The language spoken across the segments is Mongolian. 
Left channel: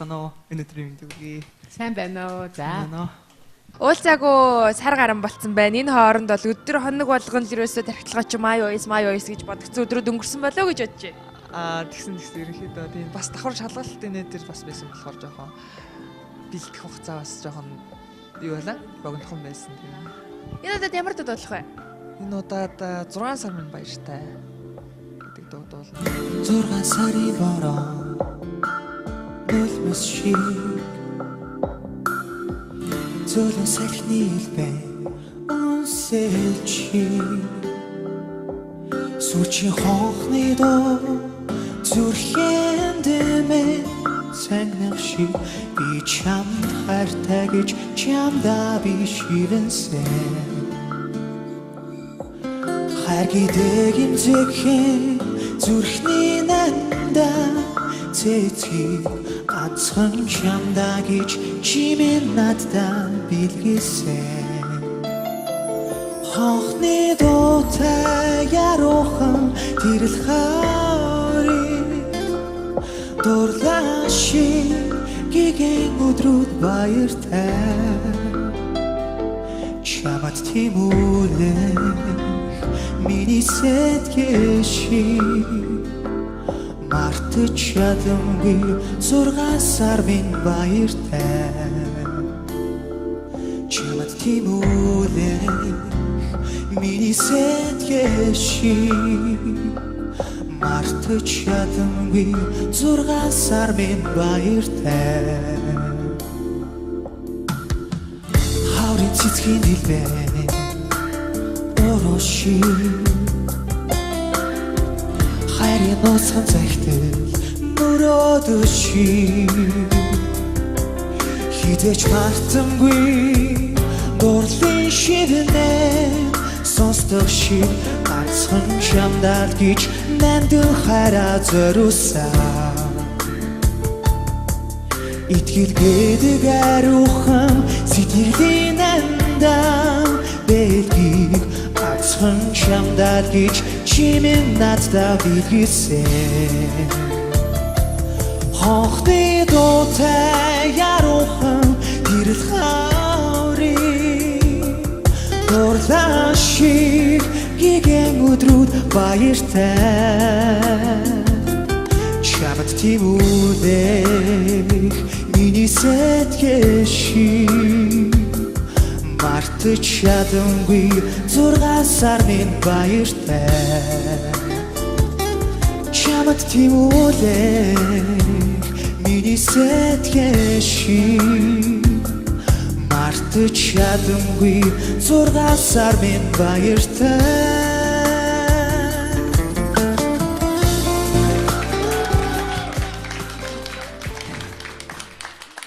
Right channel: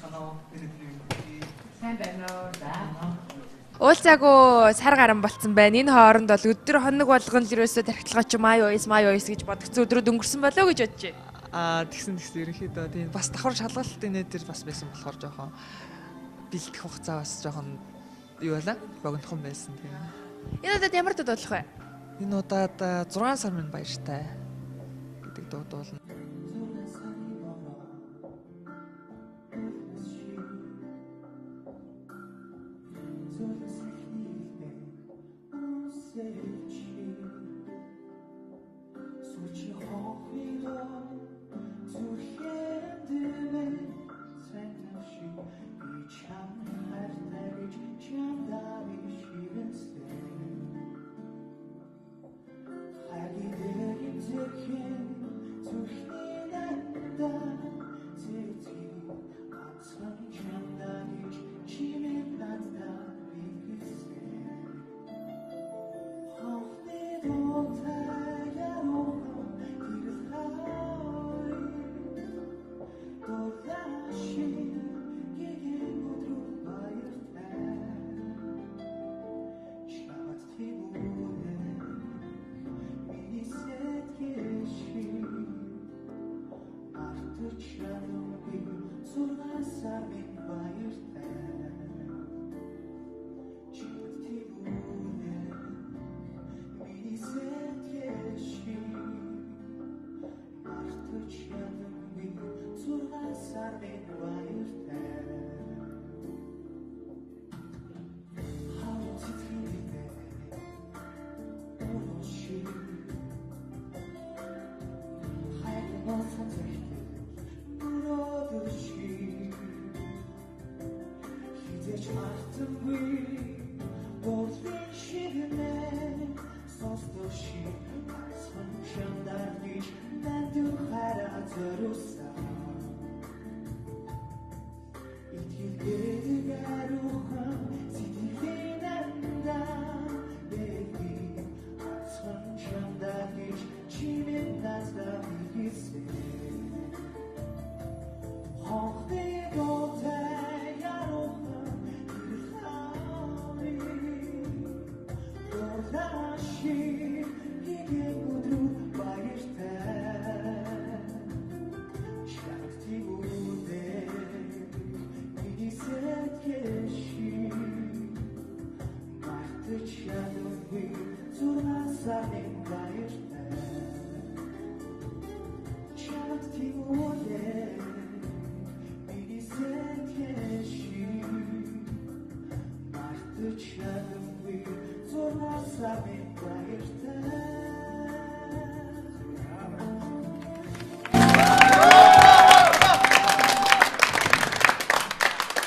байна уу? Өнөөдрийн мэдээ. Сайн байна уу? За. Уулзаагүй сар гарan болцсон байна. Энэ хооронд бол өдөр хоног болгон л ерөөсөө тархитлагаа чи май ойс гэж бодгцэн өдрүүд өнгөрсөн болоо гэж бодож байна. Тэгсэн ерөнхийдөө тийм бас давхар шалгалтын нэтер бас байсан болохоор жоохон бэлтгэх хугацаа бас жоохон юу байлаа? Богинохон байсан тийм. Энэ удаад ямар дуу дуулах вэ? Энэ удаад 6 сар минь баяртай гэдэг дуу дуулна. 6 сарын бороо нөлмөс шиг Зөлөн салхины илбэ үнсэлчи Сүрчийн хонхны доо зүрхэн дэмэ Сангнах шиг би чамд хайртай гэж чамда би шивэнсэн Хайр гэдэг имзэгхэн зүрхний нанда Цэцгийг ганцхан чамда гэж чимэн надад билгээсэн Хонхны дуутай яруухан тэрл харыг Дурлаа шиг гигэн өдрүүд баяртай Чамд тимүүлэх миний сэтгэл шиг Мартаж чадамгүй 6 сар минь баяртай Чамд тимүүлэх миний сэтгэл шиг Мартаж чадамгүй 6 сар минь баяртай Хаврын цэцгийн дэлбэн ороо шиг Хайрын ноцхон захидал мөрөөдөө шиг Хизээч мартамгүй дурлын шивнээ Сонсдог шиг ганцхан чамдаа гэж нандин хараа зориулсан Итгэл гэдэг ариухан сэтгэлийн андаа Бэлгийг ганцхан чамдаа гэж чимэн надад билгээсэн Хонхны дуутай яруухан тэрл хаврыг Дурлаа шиг гигэн өдрүүд баяртай Чамд тимүүлэх миний сэтгэл шиг Мартаж чадамгүй 6 сар минь баяртай Чамд тимүүлэх миний сэтгэл шиг Мартаж чадамгүй 6 сар минь баяртай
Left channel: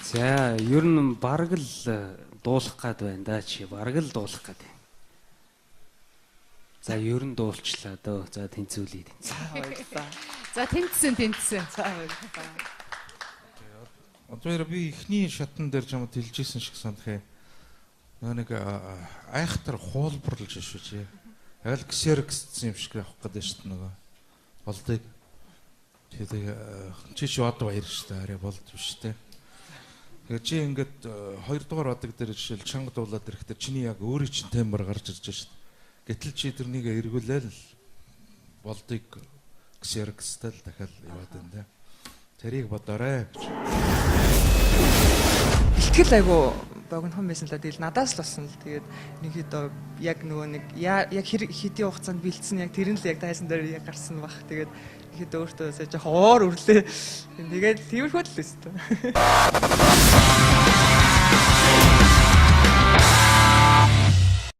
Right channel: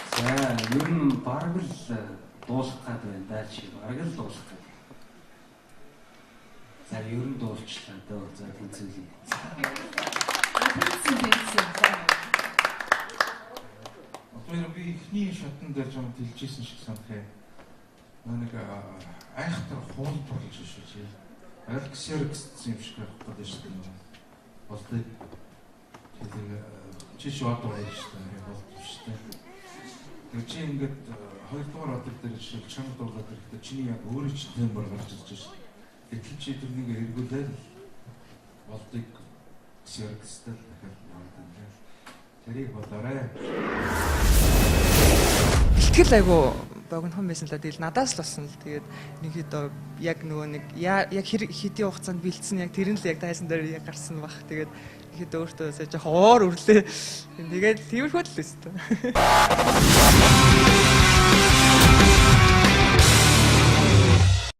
За, ер нь бараг л дуулах гад байна да чи бараг л дуулах гад. За ер нь дуулчлаа дөө. За тэнцүүлээ. За тэнцсэн. Одоо би ихний шатн дээр ч юм уу дэлжсэн шиг санах юм. Нэг айхтар хуулбарлаж шүү чи. Яг л ксеркссэн юм шиг явах гэдэг шүү дээ нөгөө. Болдыг. Тэгээ чи ч одоо баяр шүү дээ. Арай болд биш дээ. Тэгээ чи ингээд 2 дугаар одог дээр жишээл чанга дуулаад ирэхдээ чиний яг өөрөө чинь тембр гарч ирж байна шүү дээ. Гэтэл чи тэрнийг эргүүлээл болдыг ксеркстэй л дахиад яваад байна те. Тэрийг бодоорой. Бэлтгэл айгу богинохон байсан л да. Тэгэл надаас л болсон л тэгээд ерөнхийдөө яг нөгөө нэг яг хэдийн хугацаанд бэлдсэн яг тэр нь л яг тайсан дээр яг гарсан баг. Тэгээд ерөнхийдөө өөртөө жоохон уур өрлөө. Тэгээд тиймэрхүү л өстой.